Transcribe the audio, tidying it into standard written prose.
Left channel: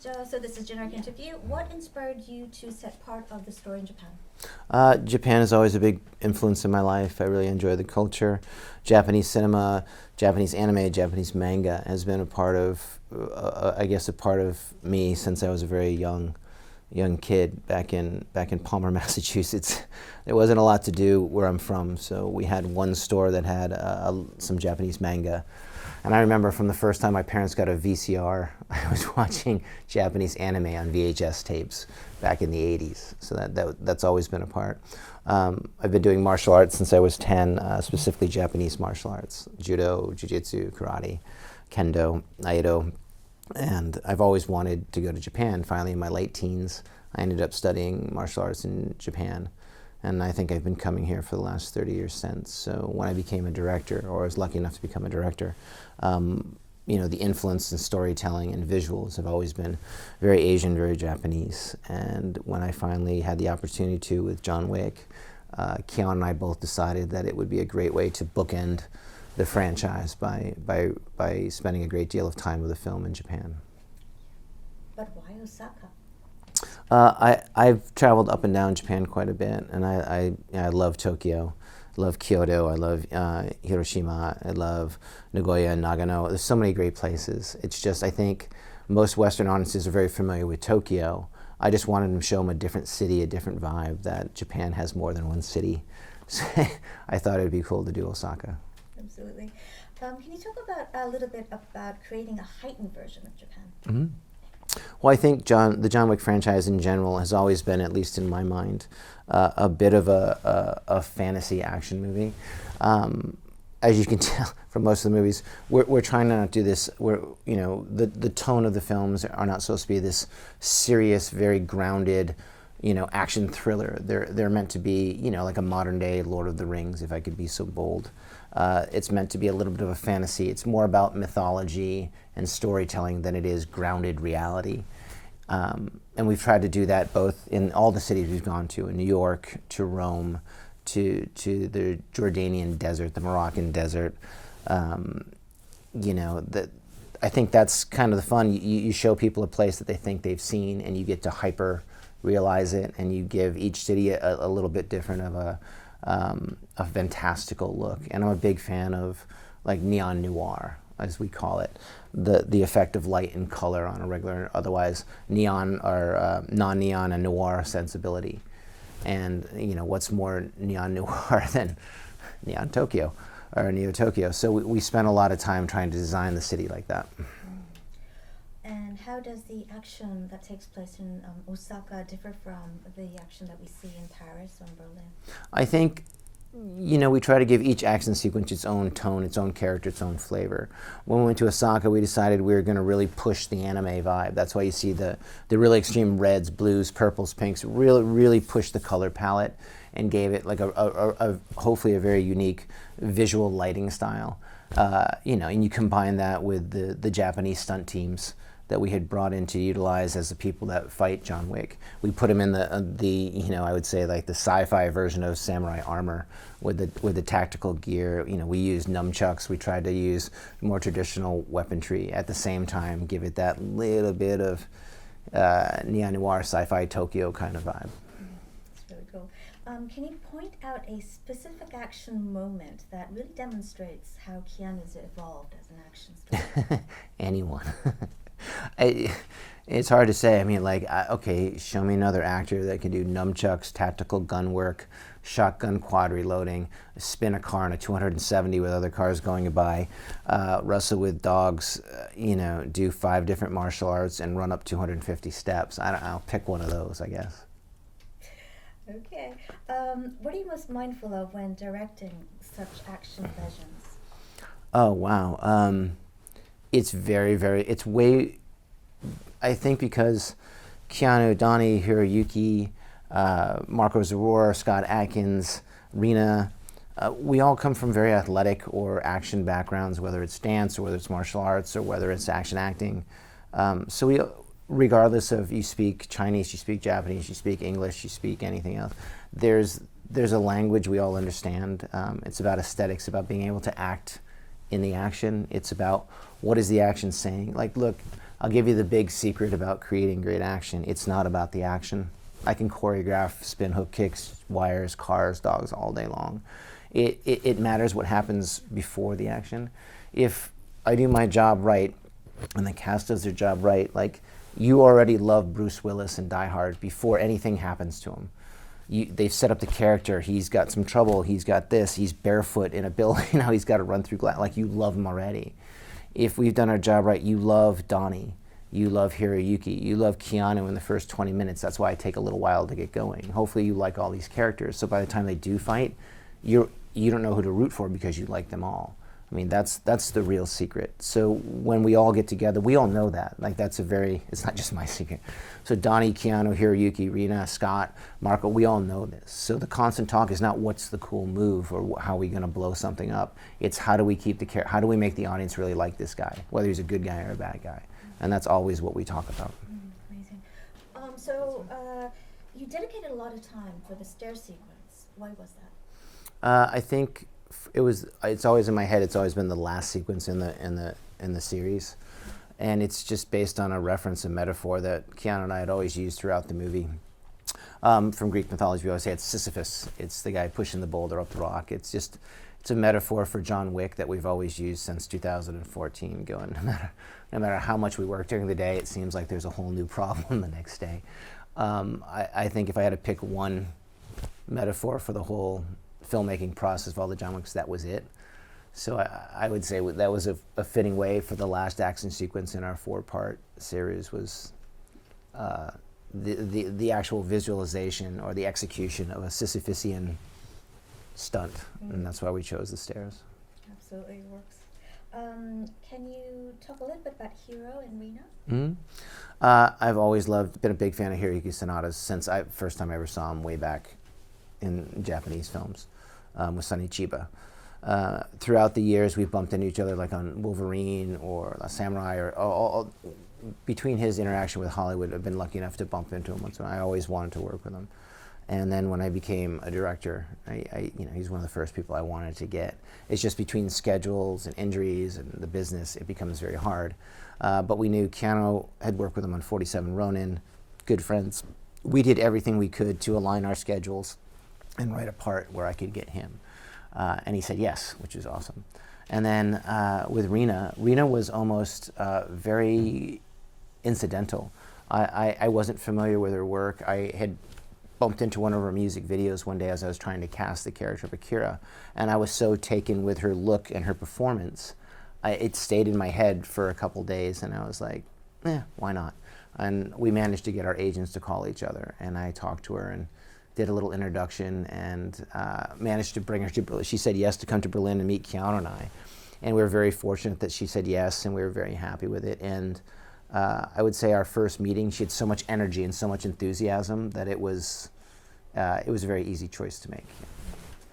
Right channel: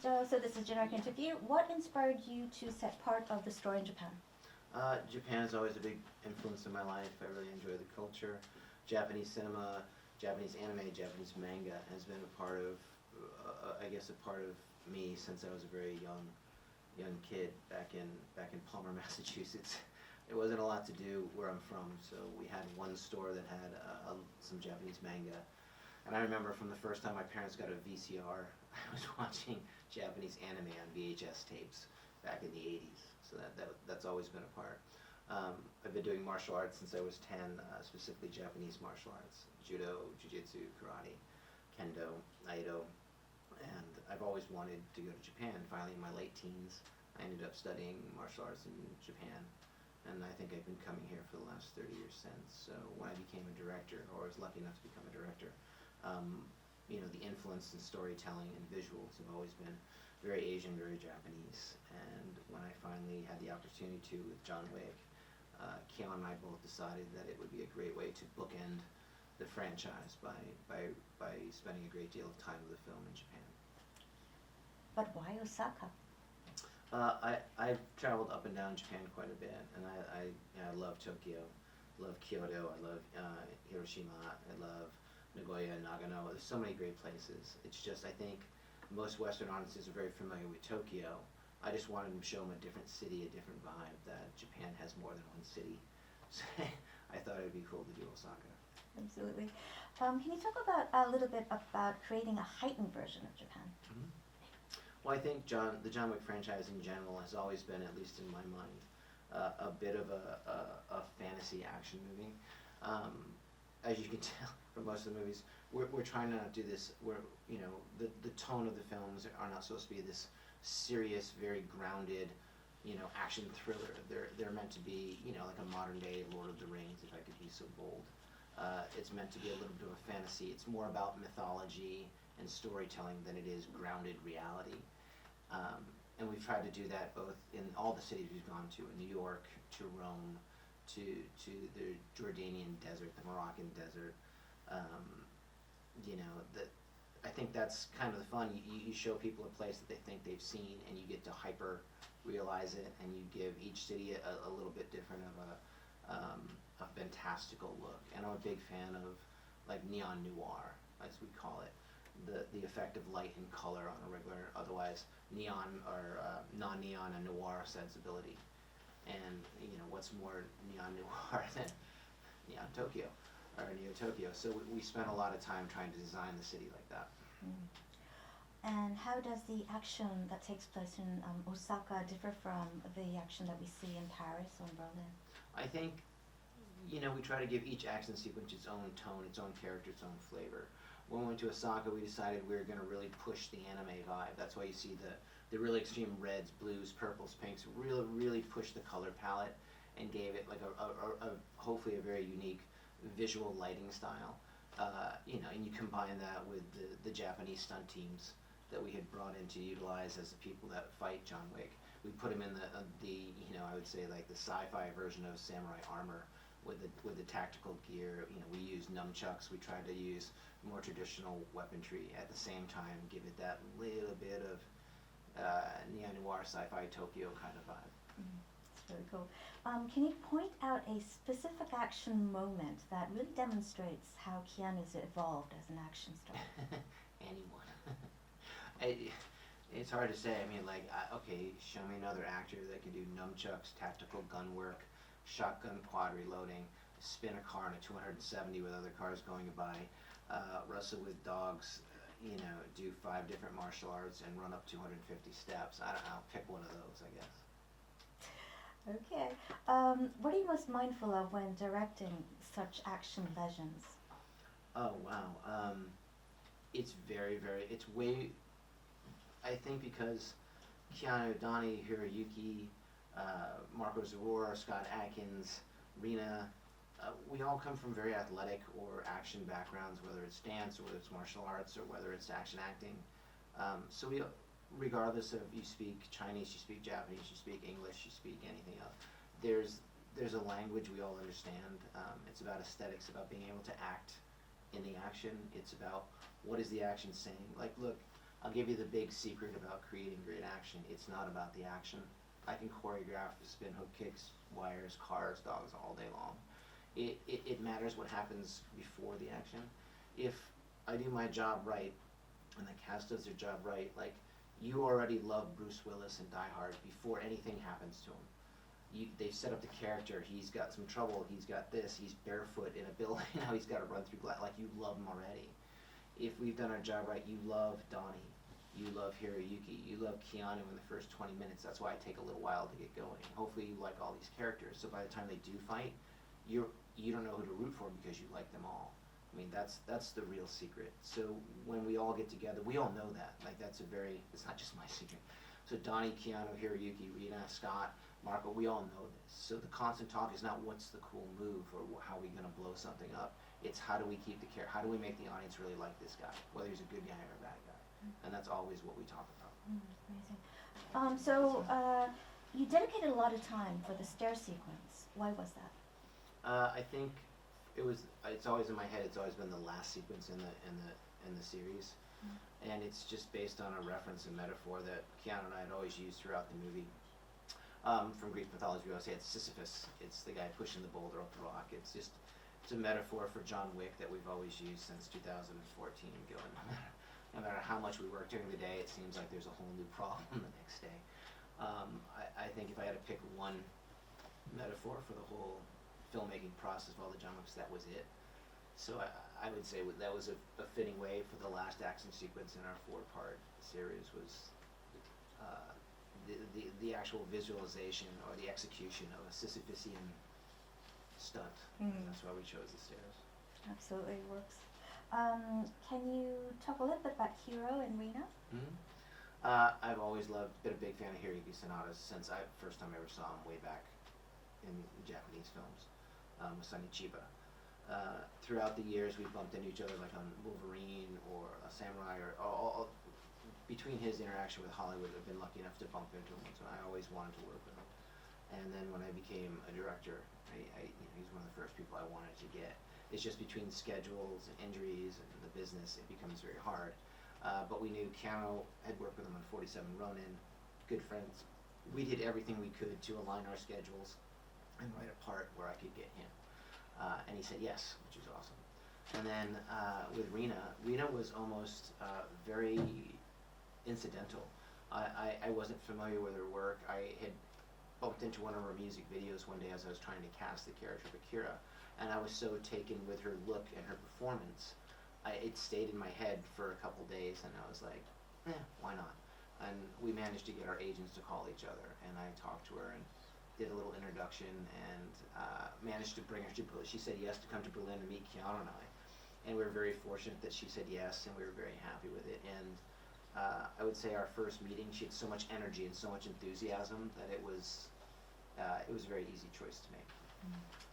So this is a generic interview. What inspired you to set part of the story in Japan? Japan is always a big influence in my life. I really enjoy the culture. Japanese cinema, Japanese anime, Japanese manga has been a part of, I guess, a part of me since I was a very young kid back in Palmer, Massachusetts. There wasn't a lot to do where I'm from, so we had one store that had some Japanese manga. And I remember from the first time my parents got a VCR, I was watching Japanese anime on VHS tapes back in the 80s. So that's always been a part. I've been doing martial arts since I was 10, specifically Japanese martial arts, judo, jiu-jitsu, karate, kendo, aido. And I've always wanted to go to Japan. Finally, in my late teens, I ended up studying martial arts in Japan. And I think I've been coming here for the last 30 years since. So when I became a director, or I was lucky enough to become a director, the influence in storytelling and visuals have always been very Asian, very Japanese. And when I finally had the opportunity to with John Wick, Keon and I both decided that it would be a great way to bookend the franchise by spending a great deal of time with the film in Japan. But why Osaka? I've traveled up and down Japan quite a bit, and I love Tokyo, love Kyoto, I love Hiroshima, I love Nagoya and Nagano. There's so many great places. It's just, I think most Western audiences are very familiar with Tokyo. I just wanted to show them a different city, a different vibe, that Japan has more than one city. So I thought it would be cool to do Osaka. Absolutely. Can you talk a little bit about creating a heightened version of Japan? Mm-hmm. Well, I think the John Wick franchise in general has always been, at least in my mind, a bit of a fantasy action movie. As you can tell from most of the movies, we're trying to not do this. The tone of the films are not supposed to be this serious, very grounded, action thriller. They're meant to be, like a modern day Lord of the Rings, if I could be so bold. It's meant to be a little bit of a fantasy. It's more about mythology and storytelling than it is grounded reality. And we've tried to do that both in all the cities we've gone to, in New York, to Rome, to the Jordanian desert, the Moroccan desert. I think that's kind of the fun. You show people a place that they think they've seen, and you get to hyper realize it, and you give each city a little bit different of a fantastical look. And I'm a big fan of like neon noir, as we call it, the effect of light and color on a regular, otherwise neon or non-neon and noir sensibility. And what's more neon noir than Neon Tokyo or Neo Tokyo? So we spent a lot of time trying to design the city like that. And how does the action that takes place in Osaka differ from the action that we see in Paris or in Berlin? I think, we try to give each action sequence its own tone, its own character, its own flavor. When we went to Osaka, we decided we were going to really push the anime vibe. That's why you see the really extreme reds, blues, purples, pinks, really push the color palette and gave it like a hopefully a very unique visual lighting style. And you combine that with the Japanese stunt teams that we had brought in to utilize as the people that fight John Wick. We put him in the I would say like the sci-fi version of samurai armor with the tactical gear. We used nunchucks. We tried to use more traditional weaponry at the same time, give it that little bit of neon noir sci-fi Tokyo kind of vibe. That's really cool. Can you point out a specific action moment that really demonstrates how Keanu's evolved as an action star? Anyone. It's hard to say. I mean, okay, show me another actor that can do nunchucks, tactical gun work, shotgun quad reloading, spin a car in a 270 with other cars going by, wrestle with dogs, do 5 different martial arts and run up 250 steps. I'll pick one of those, I guess. Okay. What are you most mindful of when directing such action legends? Oh, wow. It's it's way, I think because Keanu, Donnie, Hiroyuki, Marco Zaror, Scott Adkins, Rena, we all come from very athletic or action backgrounds, whether it's dance or whether it's martial arts or whether it's action acting. So we, regardless of you speak Chinese, you speak Japanese, you speak English, you speak anything else, there's a language we all understand. It's about aesthetics, about being able to act in the action. It's about what is the action saying. Like, look, I'll give you the big secret about creating great action. It's not about the action. I can choreograph spin hook kicks, wires, cars, dogs all day long. It matters what happens before the action. If I do my job right and the cast does their job right, like you already love Bruce Willis in Die Hard before anything happens to him. They've set up the character. He's got some trouble. He's got this. He's barefoot in a building. Now he's got to run through glass. Like, you love him already. If we've done our job right, you love Donnie. You love Hiroyuki. You love Keanu in the first 20 minutes. That's why I take a little while to get going. Hopefully you like all these characters. So by the time they do fight, you don't know who to root for because you like them all. I mean, that's the real secret. So when we all get together, we all know that. Like, it's not just my secret. So Donnie, Keanu, Hiroyuki, Rina, Scott, Marco, we all know this. So the constant talk is not what's the cool move or how are we going to blow something up. It's how do we how do we make the audience really like this guy, whether he's a good guy or a bad guy. And that's always what we talk about. Amazing. So you dedicated a lot of time for the stair sequence. Why was that? I think it's always in my head. It's always been the last sequence in the series, and it's just based on a reference and metaphor that Keanu and I had always used throughout the movie. From Greek mythology, we always say it's Sisyphus. It's the guy pushing the boulder up the rock. It's a metaphor for John Wick that we've always used since 2014. Going, no matter how much we work during the day, it seems like there's a whole new problem the next day. I think if I had to pick one metaphor for the whole filmmaking process of all the John Wicks, that was it. So I would say that was a fitting way for the last action sequence in our 4-part series was the actual visualization or the execution of a Sisyphusian stunt, and that's why we chose the stairs. Absolutely works. Can you talk a little bit about Hiro and Rina? I've always been a big fan of Hiroyuki Sanada's since first time I ever saw him way back in Japanese films with Sonny Chiba. Throughout the years, we've bumped into each other like on Wolverine or Samurai, or all between his interaction with Hollywood, I've been lucky enough to bump into him once. I always wanted to work with him. And then when I became a director, he's one of the first people I wanted to get. It's just between schedules and injuries and the business, it becomes very hard. But we knew Keanu had worked with him on 47 Ronin, good friends. We did everything we could to align our schedules and write a part where I could get him. And he said yes, which is awesome. And then with Rina was almost very incidental. I wasn't familiar with her work. I had bumped into one of her music videos one day as I was trying to cast the character of Akira, and I was so taken with her look and her performance, it stayed in my head for a couple days, and I was like, why not? And we managed to get our agents to call each other, and I talked to her and did a little introduction and managed to bring her to Berlin. She said yes to come to Berlin and meet Keanu and I, and we were very fortunate that she said yes, and we were very happy with it. And I would say our first meeting, she had so much energy and so much enthusiasm that it was a very easy choice to make.